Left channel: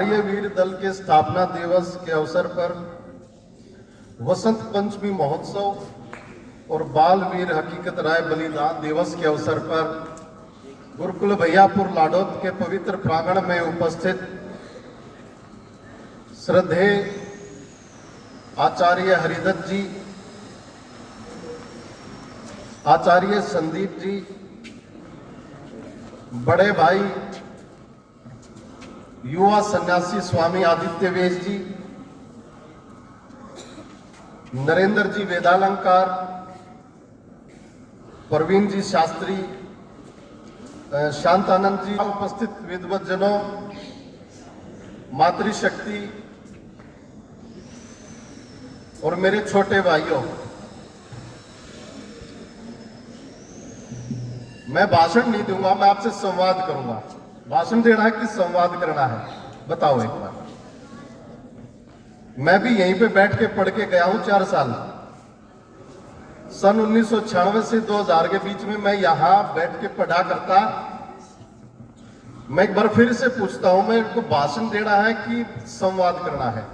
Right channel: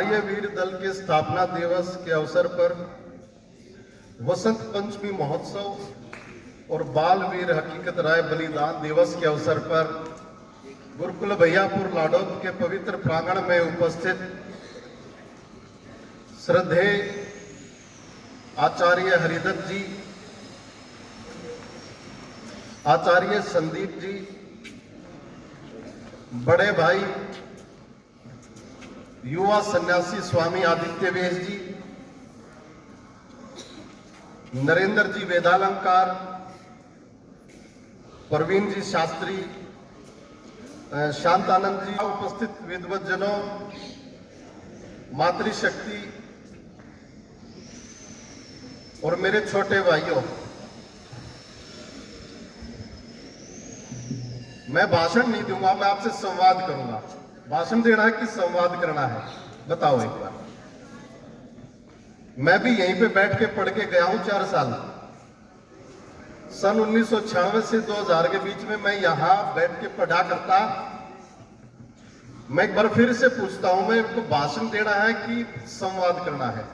आर्य वीर दल के स्थापना दिवस के अवसर पर वसंत पंचमी महोत्सव और बाल वीर हकीकत राय बलिदान दिवस के अवसर पर गुरुकुल भैयापुर लाडौत के पवित्र प्रांगण में उपस्थित श्रद्धेय आचार्य हरिदत्त जी, आचार्य संदीप जी, बड़े भाई युवा सन्यासी स्वामी आदित्य वेश जी, नरेंद्र जी वेदालंकार, प्रवीण जी शास्त्री, शांतानंद जी, उपस्थित विद्वत जनों, मातृशक्ति और मेरे छोटे भाइयों, मैं भाषण नहीं दूंगा, मैं आपसे संवाद करूंगा। भाषण देना है कि संवाद करना है, बताओ एक बार। मैं भी यहीं पे बैठ के पढ़ के गया हूं 4 साल। सन 1996 से 2000 के बीच में मैं यहां बैठ के पढ़ा करता। मैं एक बार फिर से पूछता हूं, मेरे को भाषण देना है कि संवाद करना है?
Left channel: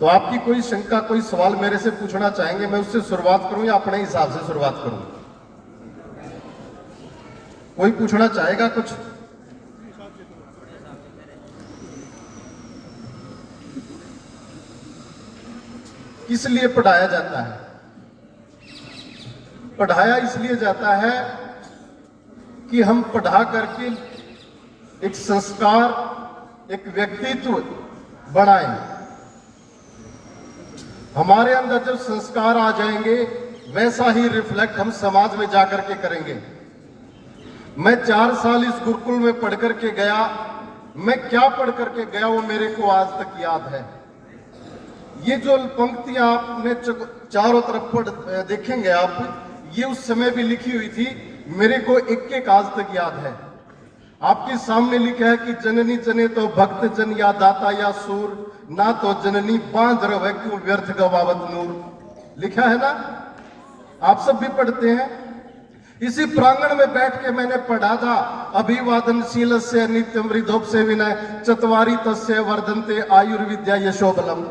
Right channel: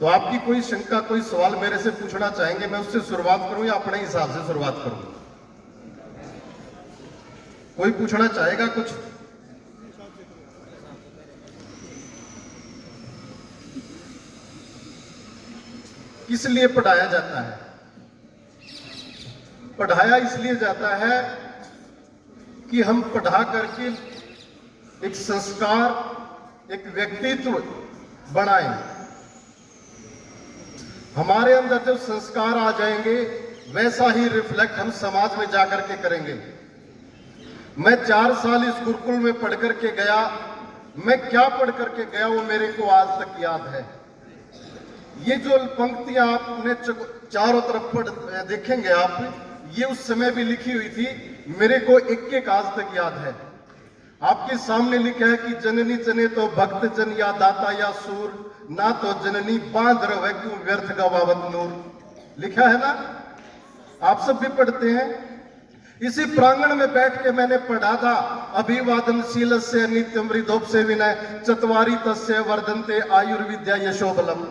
तो आपकी कोई शंका, कोई सवाल मेरे से पूछना चाहेंगे, मैं उससे शुरुआत करूं या अपने हिसाब से शुरुआत करूं? कोई पूछना चाहेगा कुछ? किस लिए पढ़ाया जाता है? पढ़ाया इसलिए जाता है कि हम पढ़ा करके एक संस्कार, एक व्यक्तित्व बनाएं। हमारे अंदर जब संस्कार आ जाएंगे, वैसा ही रिफ्लेक्ट हम समाज में जाकर के करेंगे। मैं 4 साल इस गुरुकुल में पढ़ करके गया। मैं क्या पढ़ करके गया वो मेरे को आज तक याद है। ये जो पंक्तियां आपने चारों तरफ पढ़ देखेंगे आप, ये उस समय भी लिखी हुई थी। मेरे को एक एक आज तक याद है। आपके सामने लिखा है कि जननी जने तो भक्त जन या दाता या सूर, ना तो जननी बांध रहे क्यों व्यर्थ गवावत नूर। लिखा है ना, आप सब भी पढ़ते हैं। इसी प्रांगण में बैठ के मैंने पढ़ा था, अभिवादनशील से नित्यम हृदोप से विनय चत्वारी तस्य वर्धन्ते आयुर्विद्या यशोबलम।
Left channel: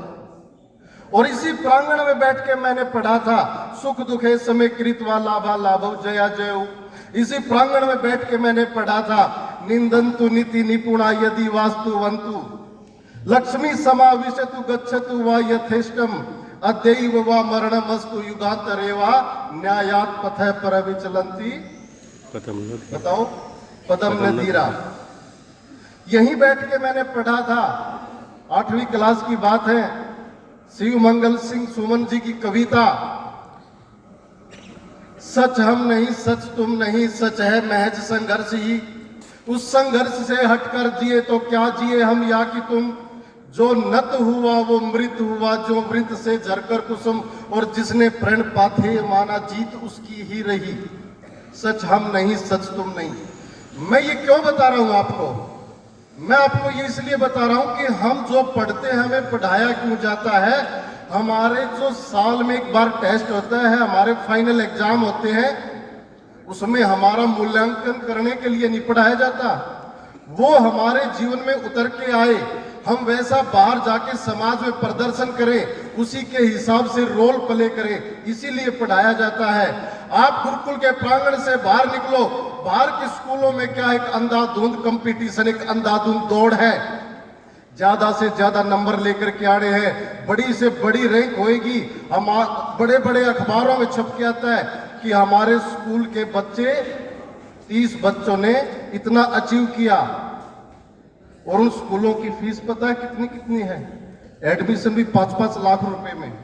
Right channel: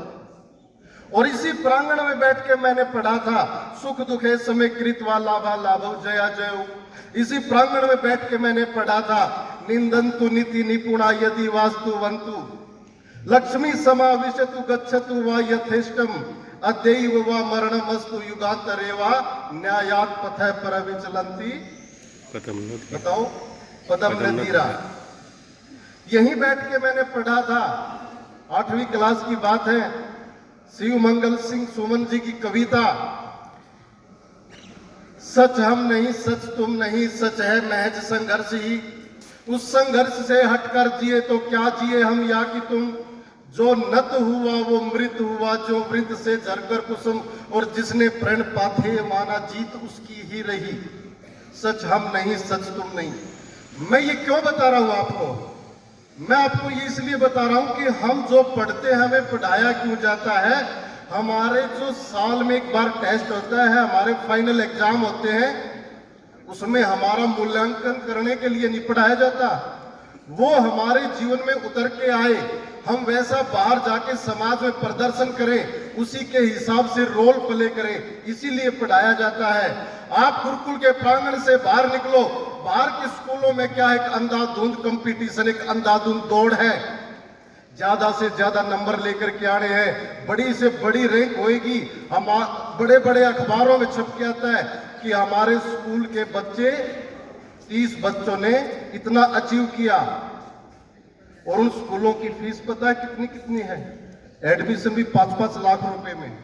और इसी प्रांगण में बैठ के मैंने पढ़ा था, सुख दुखे समय कृत्वा लाभा लाभव जया जय। इसी प्रांगण में बैठ के मैंने पढ़ा था, निंदन्तु नीति निपुणा यदि वास्तुवन्तु लक्ष्मी समाविशतु गच्छतु वा यथेष्टम अद्यैव वा मरणमस्तु युगांतरे वा न्यायात् पथः परविचलन्ति। बताओ, पदम नदीरा। यहीं बैठ के मैंने पढ़ा था, 8वीं क्लास की बात है। शिव मंगल सिंह सुमन जी की कविता, सच हम नहीं सच तुम नहीं, सच है महज संघर्ष ही। उस संघर्ष से हटकर जिए तो क्या जिए हम या कि तुम। जो नत हुआ वो मृत हुआ, जो मृत से झरकर कुसुम। और जिसने प्रण पाथे माना जीत उसकी ही रही। सच हम नहीं सच तुम नहीं। मैं ये क्यों बता रहा हूं आपको? मैं आपको ये इसलिए बता रहा हूं कि हम जो पढ़ते हैं, हमें पढ़ाया क्यों जाता है। हमारे जो साल में एक बार टेस्ट होता है, हमारे फाइनल एग्जाम होते हैं, उसमें हमारा मूल्यांकन करने के लिए नहीं पढ़ाया जाता। वो हमारे जीवन में उतर के आए, हम वैसा बाहर जाके समाज में प्रदर्शन करें, उसी के हिसाब से रोल प्ले करें, इसीलिए पढ़ाया जाता है। आप गुरुकुल के प्रांगण से बाहर निकलो, बाहर के स्कूलों में क्या है, एक अंधाधुंध कंपटीशन, एक अंधाधुंध दौड़ है। ज्यादा से ज्यादा नंबर लेकर के आ रहे हैं, बड़ी से बड़ी रैंक होएगी। हम बड़े बड़े अखबारों में छप के आता है कि हमारे स्कूल के बच्चे 30 बच्चों ने इतना अचीव किया। और उन स्कूलों की फीस पता है कितनी कितनी है? एडमिशन भी 5-5 लाख रुपए में।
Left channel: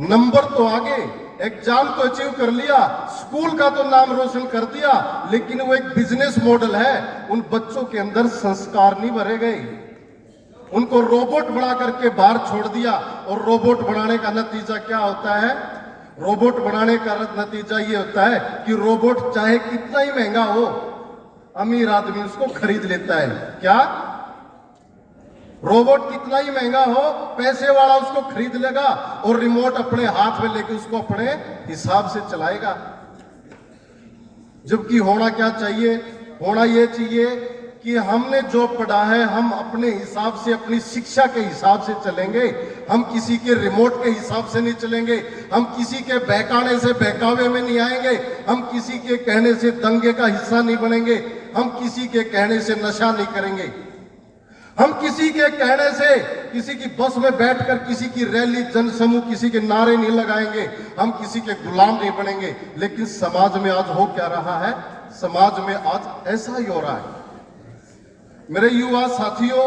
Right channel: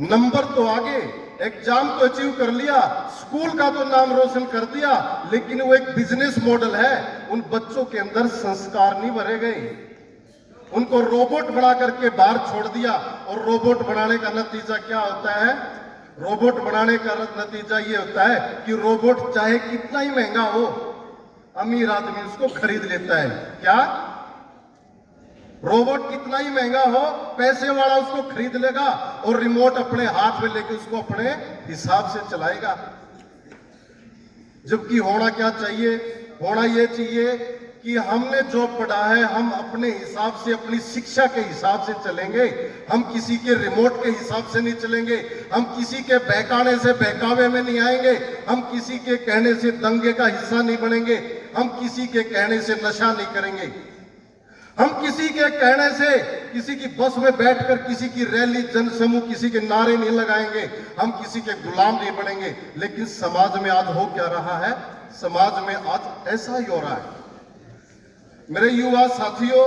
नंबर तो आगे, एग्जाम तो अचीव कर लिया, स्कूल का तो नाम रोशन कर दिया, लेकिन वो एक बिजनेस मॉडल है। उन बच्चों के अंदर संस्कार नहीं भरे गए। उनको रोबोट बना करके बाहर छोड़ दिया। और रोबोट बनाने का नतीजा क्या होता है? रोबोट बनाने का नतीजा ये होता है कि रोबोट चाहे कितना ही महंगा हो, अमीर आदमी उसको खरीद लेता है। क्या? रोबोट कितना ही महंगा हो, पैसे वाला उसको खरीद लेगा और रिमोट अपने हाथ में लेके उसको अपने हिसाब से चलाएगा। जबकि होना क्या चाहिए, होना ये चाहिए कि हमने जो पढ़ा है हम अपने हिसाब से, अपनी शिक्षा के हिसाब से चलेंगे। हम किसी के रिमोट के हिसाब से नहीं चलेंगे, हम किसी के बहकाने से बहकावे में नहीं आएंगे, हम किसी के कहने से दंगे का हिस्सा नहीं बनेंगे, हम किसी के कहने से नशा नहीं करेंगे, हम किसी के कहने से किसी की बस में बैठकर किसी की रैली, जनसमूह, किसी के नारे नहीं लगाएंगे, हम किसी के गुलाम नहीं बनेंगे। लेकिन समाज में आज हो क्या रहा है? समाज में आज ऐसा ही हो रहा है। मेरे युवा साथियों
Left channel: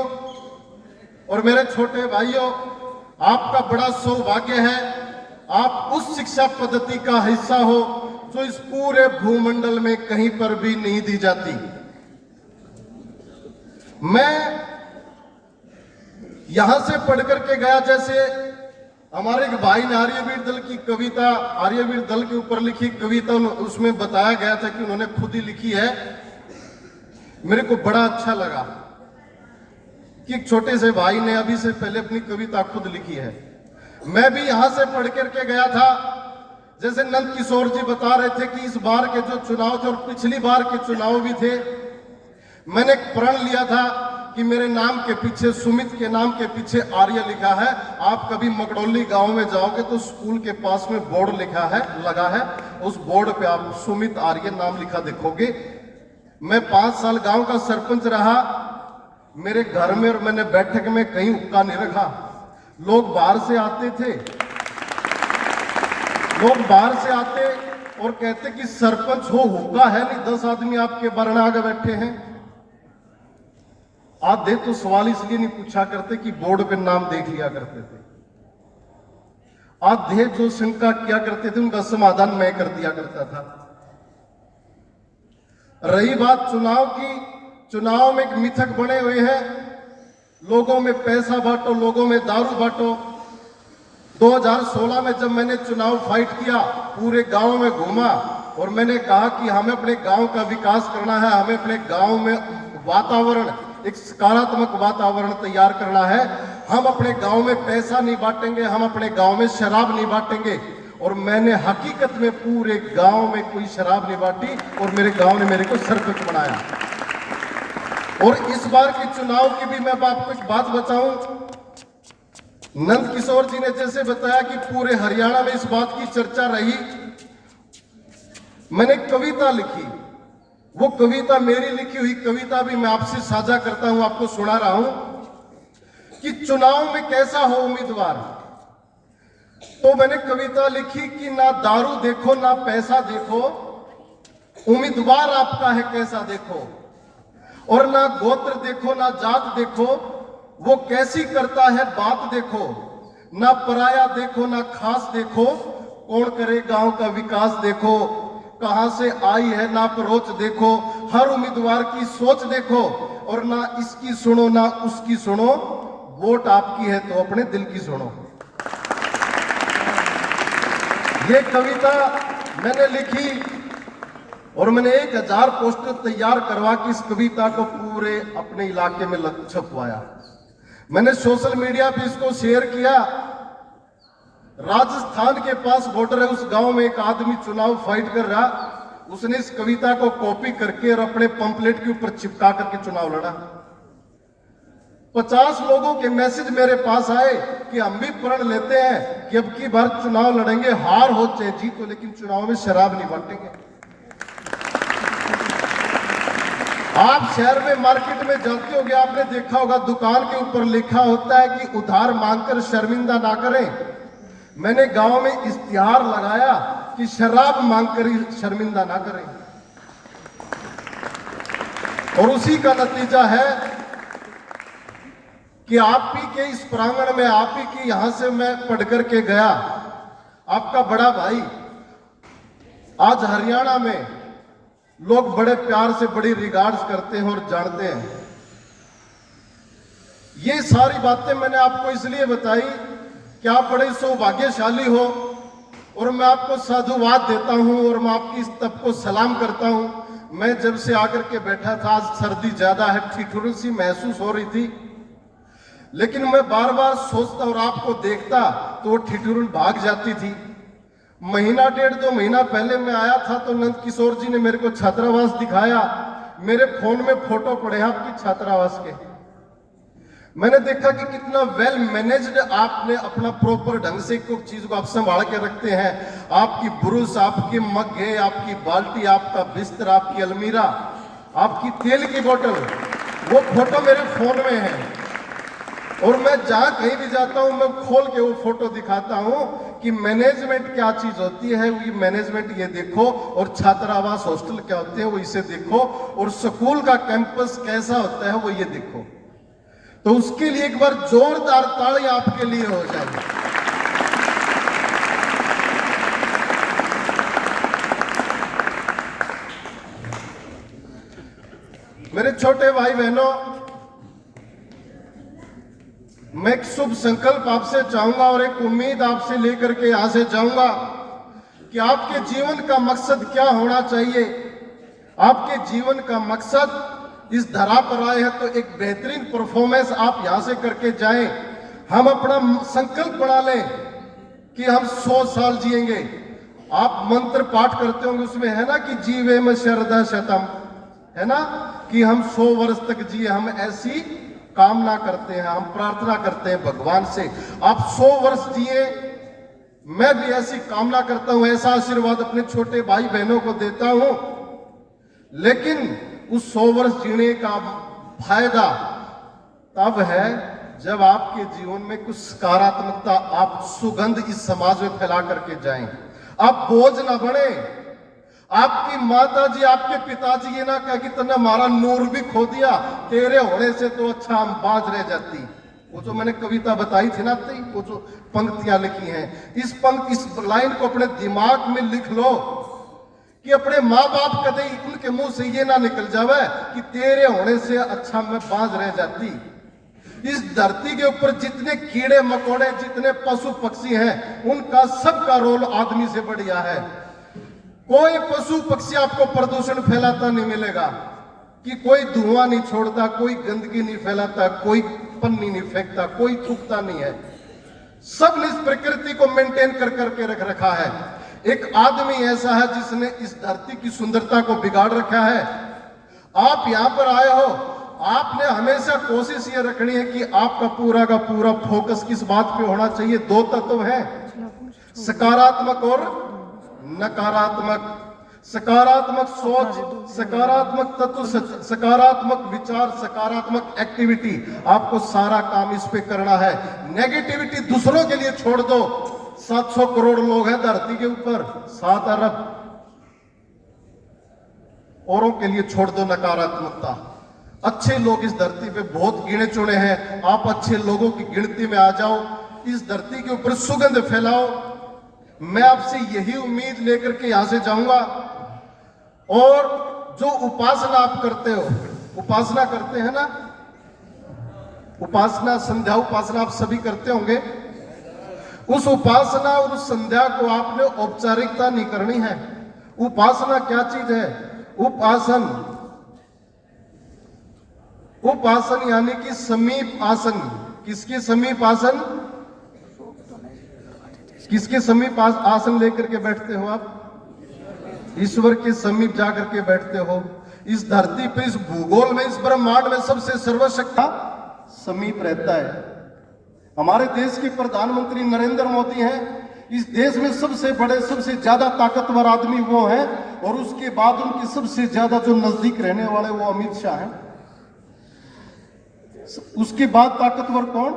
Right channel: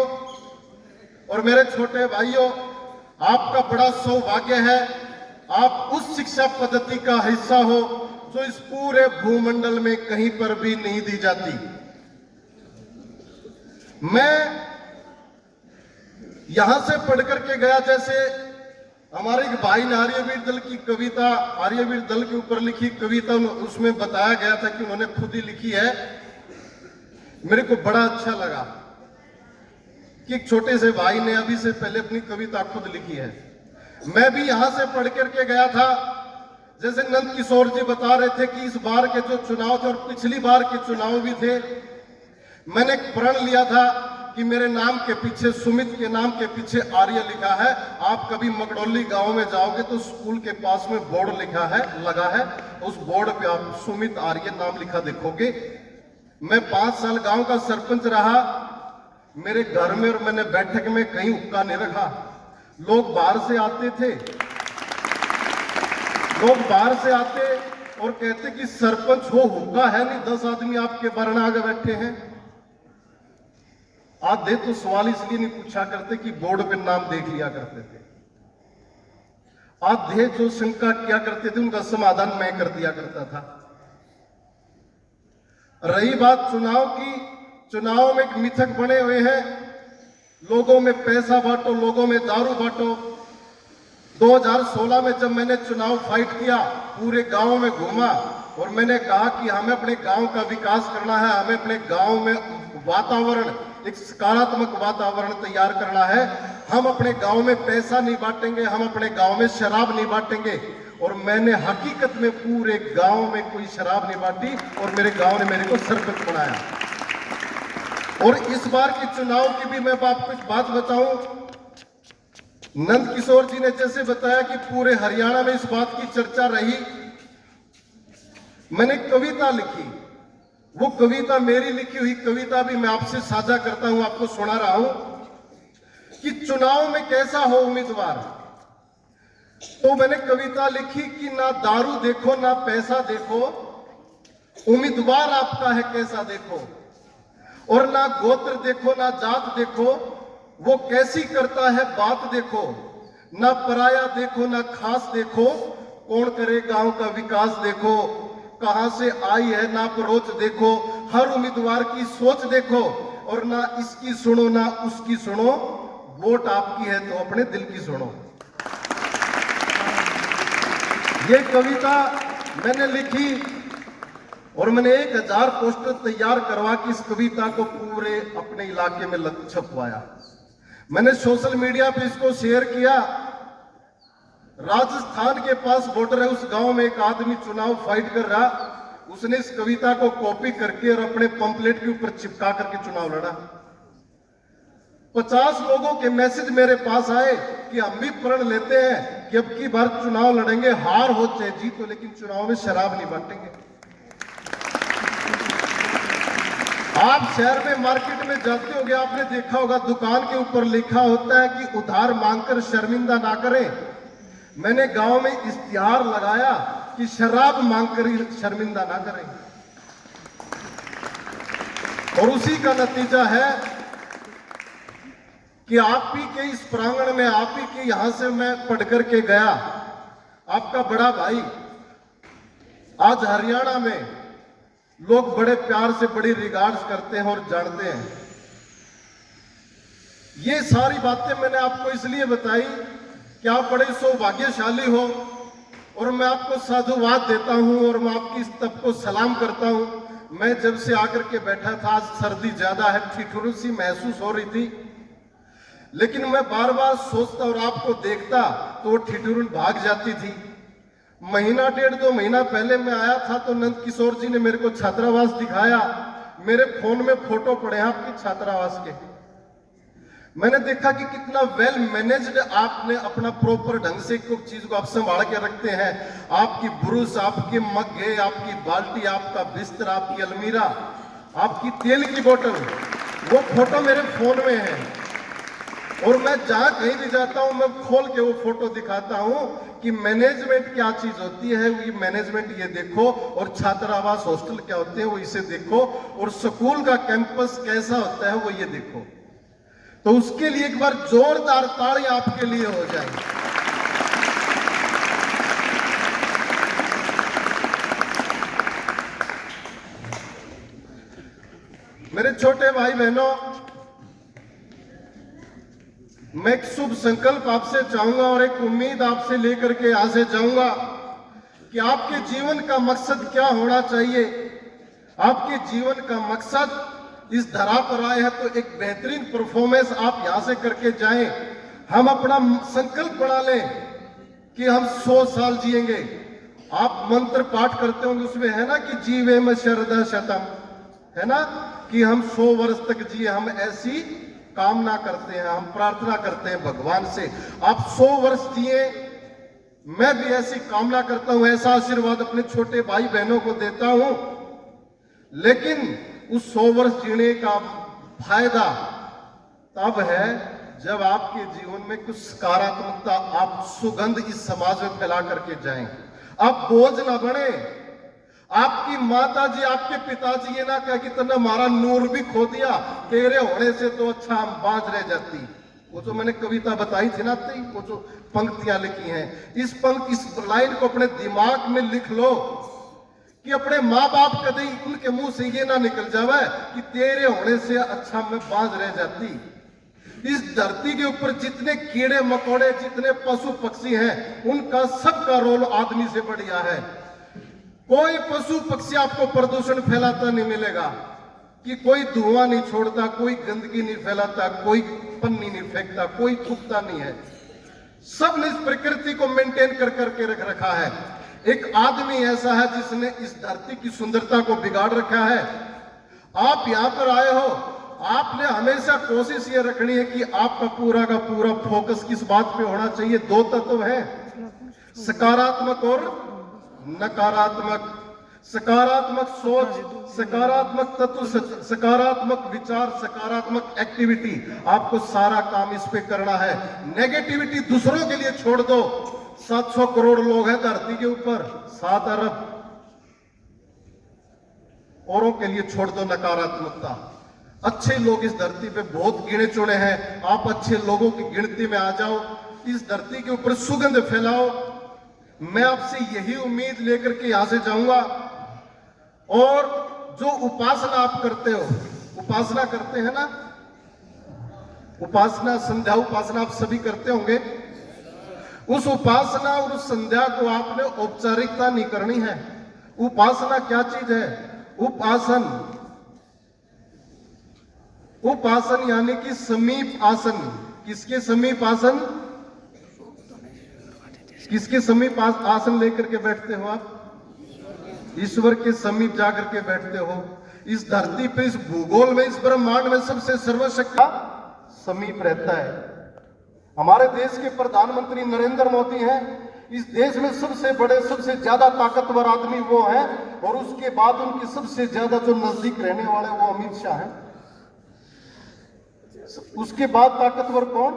और मेरे छोटे भाइयों, आपका बड़ा सौभाग्य है, आप उस शिक्षा पद्धति का हिस्सा हो जो इस पूरे भूमंडल में कहीं पर भी नहीं दी जाती। मैं यहां से पढ़ करके गया, जैसे हमारे एक भाई ने आर्यवीर दल की कविता, आर्यवीर दल के ऊपर लिखी कविता, उसमें बताया गया था कि उन्होंने खुद ही लिखी है। मेरे को बड़ा अच्छा लगा कि एक छोटे से भाई ने अभी से पहले अपनी कविता खुद लिखी है। मैं भी यहां से पढ़ करके गया था। जैसे नंद किशोर जी बता रहे थे कि इस बार के जो चुनाव थे और पिछली बार के चुनाव भी थे, मैंने एक प्रण लिया था कि मेरे नाम के पीछे, सुमित के नाम के पीछे आर्य लिखा है। आप कभी मगडोली गांव में जाओगे तो स्कूल के पास में बोर्ड लिखा है, लगा है, उस बोर्ड पे आप सुमित आर्य नाम लिखा देखोगे। मैं 5 साल गांव का सरपंच रहा। मेरे घर में और मैंने बैठक में कहीं हुक्का नहीं रखा। लोग बाहर से आते थे, लोग बाहर से आते और कहते कि सरपंच हो, हुक्का है नहीं, 10 आदमी आपके वरना आगे बैठे हैं। आधे तो सवाल इसलिए नहीं पूछा करते कि बोर्ड पे नाम देख लिया करते थे। आधे जो शंका किया करते थे उनका समाधान मैं कर दिया करता था। रही बात चुनाव की, चुनाव में एक मिथक बने हुए हैं, लोगों में पैसा बांटो, लोगों में दारू बांटो। 2016 में जब मैंने चुनाव फाइट किया, पूरे गांव में घूमा और मैंने कहा कि हमें अपने गांव का विकास करना है, हमें अपने गांव में वातावरण, एक सकारात्मक वातावरण तैयार करना है। हम अपने गांव में पैसा नहीं बांटेंगे, हम अपने गांव में शराब नहीं बांटेंगे। और मैंने हकीकत में पूरे गांव में कोई शराब नहीं बांटी और मेरे गांव ने मेरे को सरपंच बनाया। और इस बार के चुनाव की भी मैं आपको एक बात बताऊं, नंद किशोर जी ने जैसे बताया कि पूरे हरियाणा में इस बात की चर्चा रही। मैंने कविता लिखी, वो कविता मेरी लिखी हुई कविता भी मैं आपसे साझा करता हूं, आपको सुना रहा हूं कि चुनाव में कैसा हो उम्मीदवार। तो मैंने कविता लिखी कि ना दारू देखो, ना पैसा देखो, उम्मीदवार आपका है कैसा देखो। और ना गोत्र देखो, ना जात देखो, वो कैसी करता है बात देखो। ना पराया देखो, ना खास देखो, कौन करे गांव का विकास देखो। कहां से आई है ना परोच देखो, हर उम्मीदवार की सोच देखो। और ना इसकी सुनो ना उसकी सुनो, वोट आपकी है तो अपने दिल की सुनो। ये कविता मैंने लिखी और मैंने 1000 पोस्टर तैयार करवा के इस कविता को पूरे अपने इलाके में छपवाया। मैंने सोशल मीडिया पे इसको शेयर किया। राजस्थान के पास बॉर्डर है, उस गांव में एक आदमी चुनाव फाइट कर रहा, उसने इस कविता को कॉपी करके और अपने पंपलेट के ऊपर चिपका करके चुनाव लड़ा। 50 लोगों के मैसेज मेरे पास आए कि हम भी प्रण लेते हैं कि अब की बार चुनाव लड़ेंगे, हार हो चाहे जीत हो, लेकिन चुनाव में शराब नहीं बांटेंगे। आप शहर में मार्केट में जाते होंगे, आपने देखा होगा दुकान के ऊपर लिखा होता है कि उधार मांगकर शर्मिंदा ना करें। मैंने गांव में इश्तिहार लगाया कि शराब मांगकर ही शर्मिंदा ना करें। और उसी का नतीजा है कि आप ही के इस प्रांगण में, आप ही के यहां से मैं पढ़ करके गया। आपका बड़ा भाई आज हरियाणा में लोग बड़े प्यार से, बड़ी रिगार्ड्स करते हैं और जानते हैं। ये सारी बातें मैंने आपको इसलिए बताई कि आप बड़े सौभाग्यशाली हो और मैं आपको साधुवाद देता हूं और मैं आपकी इस तब को सलाम करता हूं। मैं जब से आकर के बैठा था, आज सर्दी ज्यादा है, ठिठुरन सी महसूस हो रही थी, लेकिन मैं बार बार सोचता और आपको देखता तो वो ठिठुरन भाग जाती थी। महीना 1.5-2 महीना पहले मैं आया था तो नंद किशोर जी ने मेरे को छात्रावास दिखाया। मेरे फोन में फोटो पड़े हैं आपकी छात्रावास के। मैंने देखा कि कितना वेल मैनेज्ड आपने अपना प्रॉपर ढंग से कुछ चीज को आप संभाल के रखते हैं। आपकी ब्रुश, आपके मग्गे, आपकी बाल्टी, आपका बिस्तर, आपकी अलमीरा, आपकी तेल की बोतल, वो फोटो मेरे फोन में है। और मैं जहां कहीं भी जाता हूं मैं खोल के वो फोटो दिखाता हूं कि मैनेजमेंट क्या चीज होती है। ये मैनेजमेंट ये देखो, और छात्रावास हॉस्टल क्या होते हैं वो इसे देखो, और स्कूल का कैंपस कैसा होता है वो ये देखो। तो उसके लिए एक बार जोरदार ताली आपके लिए हो जाए। मेरे छोटे भाई बहनों, मैं एक शुभ संकल्प आपसे चाहूंगा और एक उम्मीद आपसे लेकर के यहां से जाऊंगा कि आपके जीवन का मकसद क्या होना चाहिए। आपके जीवन का मकसद इस धरा पर आए हैं तो एक बेहतरीन परफॉर्मेंस आप यहां से करके जाएं। हम अपना संकल्प बना लें कि हम 100 साल जिएंगे। आप मंत्र पाठ करते होंगे, उसमें है ना कि जीवे में शरदा शतम, है ना कि हम 100 वर्ष तक जिए। हम ऐसी कामना करते हैं, हम प्रार्थना करते हैं भगवान से आप 100 वर्ष जिए। मैं भी ऐसी कामना करता हूं, ऐसा आशीर्वाद अपने छोटे भाई बहनों को देता हूं। लेकिन उस 100 वर्ष जीने का फायदा तब है जब आपके जीवन में कुछ सकारात्मकता, आप सुगंध इस समाज में फैला करके जाएं। आप बोझ ना बने। आपकी माता जी, आपके पिताजी ये ना कहे कि तूने हमारा नूर भी खो दिया, तेरे होने से तो अच्छा हम बाज रह जाती। वो जो मैंने कविता बताई थी ना, वो जो पंक्तियां लिखी हैं, इस लाइन को अपने दिमाग में लिख लो कि अपने माँ बाप कदे उनके मुंह से ये ना निकल जावे कि तेरे होने से अच्छा मैं बाज रह जाती। इस धरती के ऊपर जितने कीड़े मकोड़े, जितने पशु पक्षी हैं, उनका सबका रोल आदमी से बढ़िया है। कोई पशु पक्षी आपको प्रदूषण फैलाता नहीं मिलेगा, कि कोई धुआं नहीं छोड़ता, कोई गंदगी नहीं फैलाता, कोई पन्नी नहीं फेंकता, कोई थूकता नहीं है। सबने इस प्रकृति को मेंटेन कर करके रख रखा है। एक आदमी ऐसा है जिसने इस धरती की सुंदरता को बिगाड़ रखा है। आप यहां पर आए हो, आपने हमेशा कोशिश ये रखनी है कि आपका पूरा का पूरा फोकस किस बात पे होना चाहिए। 2 तत्व हैं, सकारात्मक और नकारात्मक। सकारात्मक सोच, सकारात्मक तत्व, सकारात्मक विचार, सकारात्मक एक्टिविटी, आपको सारा काम इस पे करना है। नेगेटिविटी दूसरों के लिए छोड़ दो। 700 करोड़ लोग हैं धरती के ऊपर, 7 अरब, औरों के लिए छोड़ दो नकारात्मकता। अच्छे लोग इस धरती पे बहुत गिने चुने हैं, आप अच्छे लोगों की गिनती में आ जाओ, इस धरती के ऊपर सुगंध फैलाओ। मैं आपसे यही उम्मीद लेकर के यहां से जाऊंगा। और जो उपासना आप करते हो, उपासना करते हैं ना, उपासना, संध्या उपासना आप सभी करते होंगे। उस उपासना और उस संध्या को आपने औपचारिकता नहीं करनी है। उपासना क्या चीज है? उपासन, उपासन यानी कि समीप आसन। किसके समीप आसन? किसके समीप आसन लेकर के बैठते हो आप? ईश्वर के समीप जाकर के बैठते हो। इस धरती पे, इस भूगोल में, इस ब्रह्मांड में सबसे सर्वशक्ति समीप रहता है। हमारे देश के प्रधानमंत्री नरेंद्र मोदी हैं। इस देश में सबसे बड़े, सबसे ज्यादा ताकतवर आदमी वो हैं, और उसके बाद उनके सबसे ज्यादा जो नजदीक रहने वाले वो अमित शाह हैं। उसके बाद ताकतवर कौन?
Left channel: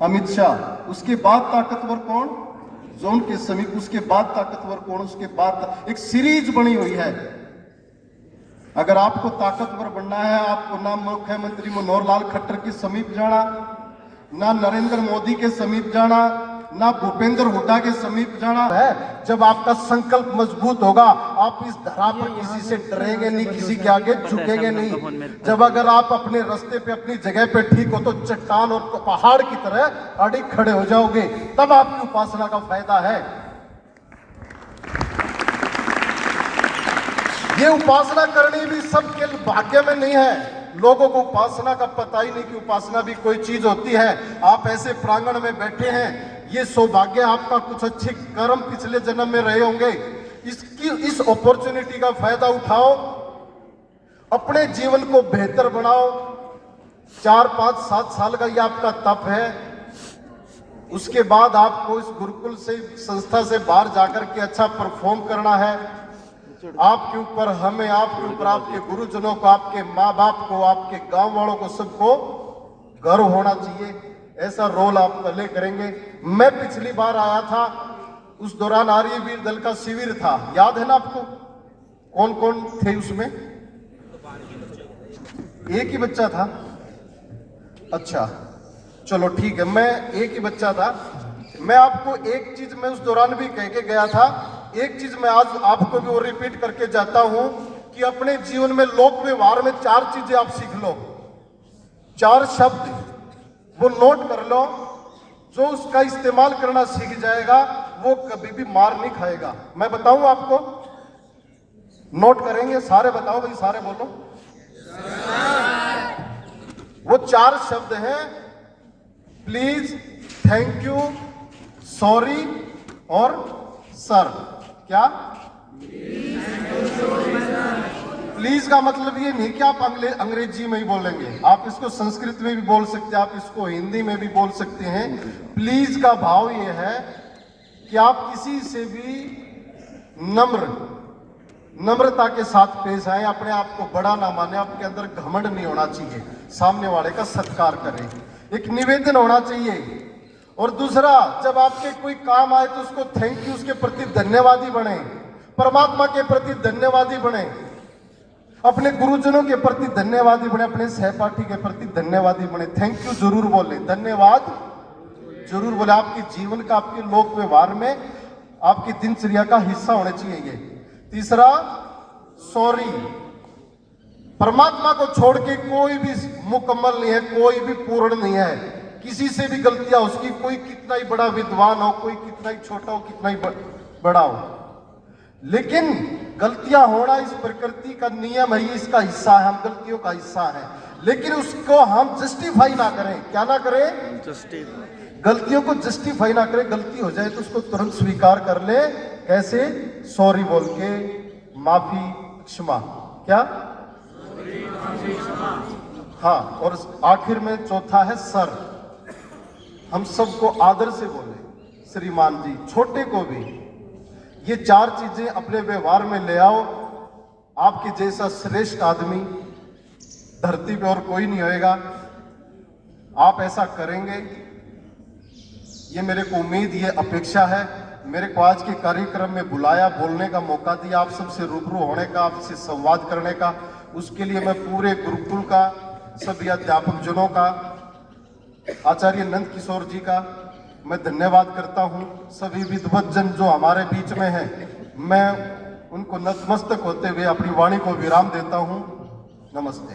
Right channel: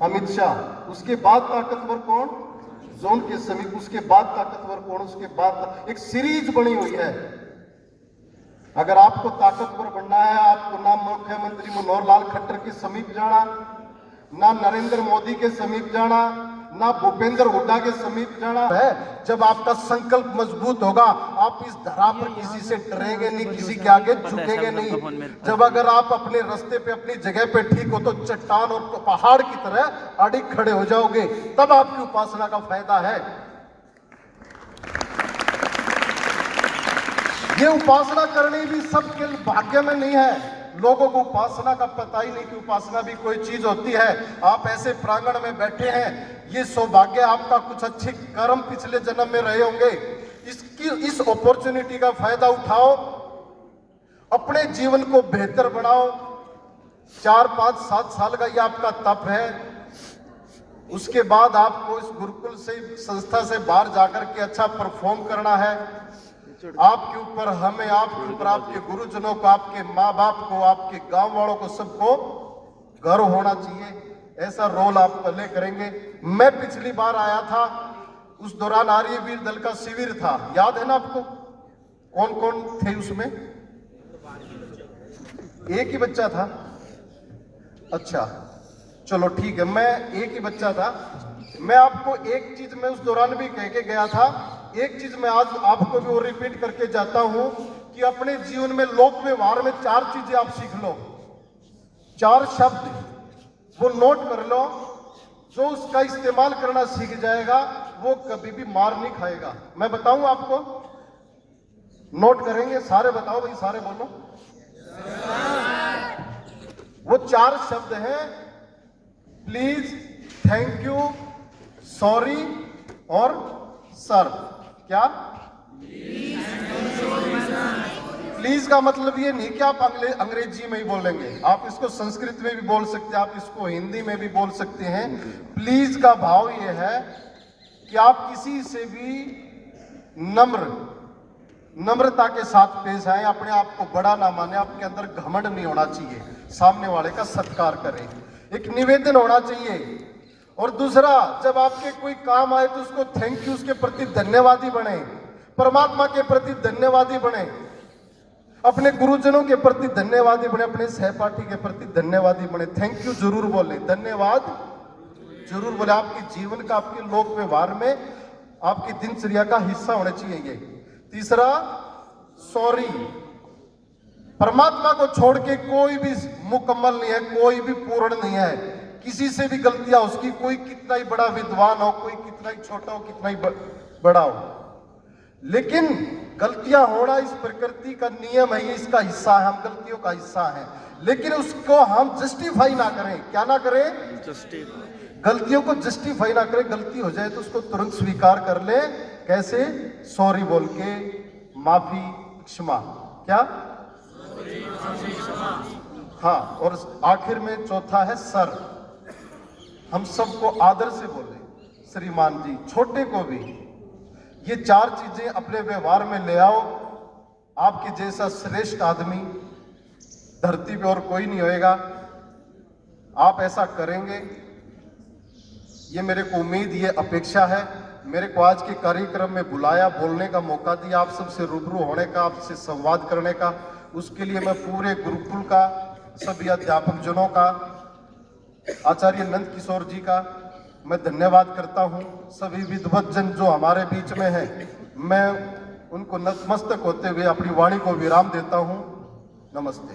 अमित शाह। उसके बाद ताकतवर कौन? जो उनके समीप। उसके बाद ताकतवर कौन? उसके बाद एक सीरीज बनी हुई है। अगर आपको ताकतवर बनना है, आपको ना मुख्यमंत्री मनोहर लाल खट्टर के समीप जाना, ना नरेंद्र मोदी के समीप जाना, ना भूपेंद्र हुड्डा के समीप जाना है। जब आपका संकल्प मजबूत होगा, आप इस धरा पर किसी से डरेंगे नहीं, किसी के आगे झुकेंगे नहीं। जब अगर आप अपने रास्ते पे, अपनी जगह पे ठीक हो, तो चट्टान और पहाड़ की तरह अड़िग खड़े हो जाओगे। तब आपकी उपासना का फायदा है। ये उपासना करनी भी सबके भाग्य में नहीं है। लोगों को उपासना का पता ही नहीं कि उपासना भी कोई चीज होती है। आप ऐसे प्रांगण में बैठे हैं, ये सौभाग्य आपका, कुछ अच्छी कर्म पिछले जन्म में रहे होंगे। इस अपॉर्चुनिटी का फायदा उठाओ अपने जीवन को बेहतर बनाओ। 4, 5, 7 साल का ये आपका तप है। उसके बाद आपको इस गुरुकुल से, संस्था से बाहर जाकर के अच्छा परफॉर्म करना है। आपके ऊपर, हमें, आपके ऊपर, आपके गुरुजनों को, आपके माँ बाप को, आपके गांव वालों को, सबको गर्व होना चाहिए। ऐसा रोल आप प्ले करेंगे। मैं पिछली बार आया था, उस दौरान आर्य वीर दल का शिविर था, याद है ना आपको? कौन कौन थे उसमें? एक ही बच्चा था। अच्छा चलो ठीक है, मैं एक ही बच्चा था। मैं आपको एक चीज मैं उस दौरान भी कह के गया था, एक चीज मैं आज आपको भी वो रिपीट करके जाता हूं कि अपने जीवन में, लोक व्यवहार में 4 चीजें आप सीख लो। 4 शब्द वो नोट कर लो। जो उसका इस्तेमाल करना सीख जाएगा वो कभी भी मार नहीं खाएगा। मैं बताऊं आपको, नोट करेंगे सारे? बताओ भाई, सारे बोलो। वो 4 शब्द हैं प्लीज, थैंक यू, सॉरी और सर। क्या? प्लीज का मतलब ये नहीं कि आप अंग्रेजी में ही बोलेंगे, आप इसको संस्कृत में भी बोल सकते हैं, आप इसको हिंदी में भी बोल सकते हैं। प्लीज का भाव ये है कि आप किसी से भी नम्रता के साथ पेश आए, अपने आप को बड़ा ना माने, आपके अंदर घमंड नहीं होना चाहिए, सामने वाले का सत्कार करें, एक निवेदन होना चाहिए। और दूसरा, जब आपके कोई काम आए तो उसको थैंक यू, उसके प्रति धन्यवादी बने, परमात्मा के प्रति धन्यवादी बने, अपने गुरुजनों के प्रति धन्यवादी बने, अपने सहपाठी के प्रति धन्यवादी बने। थैंक यू जरूर बोले, धन्यवाद जरूर बोले। आपके जीवन का, आपके लोक व्यवहार में, आपकी दिनचर्या का हिस्सा होना चाहिए ये। तीसरा, सॉरी। परमात्मा को छोड़ के कोई भी मुकम्मल नहीं है, कोई भी पूर्ण नहीं है। किसी से भी गलतियां, उसकी कोई कितना ही बड़ा विद्वान हो, कोई कितना ही छोटा हो, कितना ही बड़ा हो, लेकिन गलतियां होना इस प्रकृति का नियम है, ये इसका हिस्सा है, हम गलतियों का हिस्सा है। लेकिन उसको हम जस्टिफाई ना करें। क्या ना करें? गलतियों को जस्टिफाई ना करें। गलती हो जाए तो उसको तुरंत स्वीकार कर ले। कैसे? सॉरी बोल के, माफी, क्षमा। क्या? हाँ, और आखिर में चौथा है सर। हम सबको आदर से बोले, श्रीमान जी, छोटे को भी। ये 4 चीजें अपने व्यवहार में ले आओ। आपके जैसा श्रेष्ठ आदमी धरती पे और कोई नहीं होएगा। आप ऐसा करेंगे, ये मेरे को उम्मीद, ये अपेक्षा है। मेरे को आज के कार्यक्रम में बुलाया, बोलने का मौका दिया, आप सबसे रूबरू होने का, आपसे संवाद करने का, उसके लिए मैं पूरे गुरुकुल का, सभी अध्यापक जनों का, आचार्य नंद किशोर जी का मैं धन्यवाद करता हूं। सभी विद्वत जन जो हमारे बीच में हैं, मैं उनको नतमस्तक होते हुए अपनी वाणी को विराम देता हूं। नमस्ते।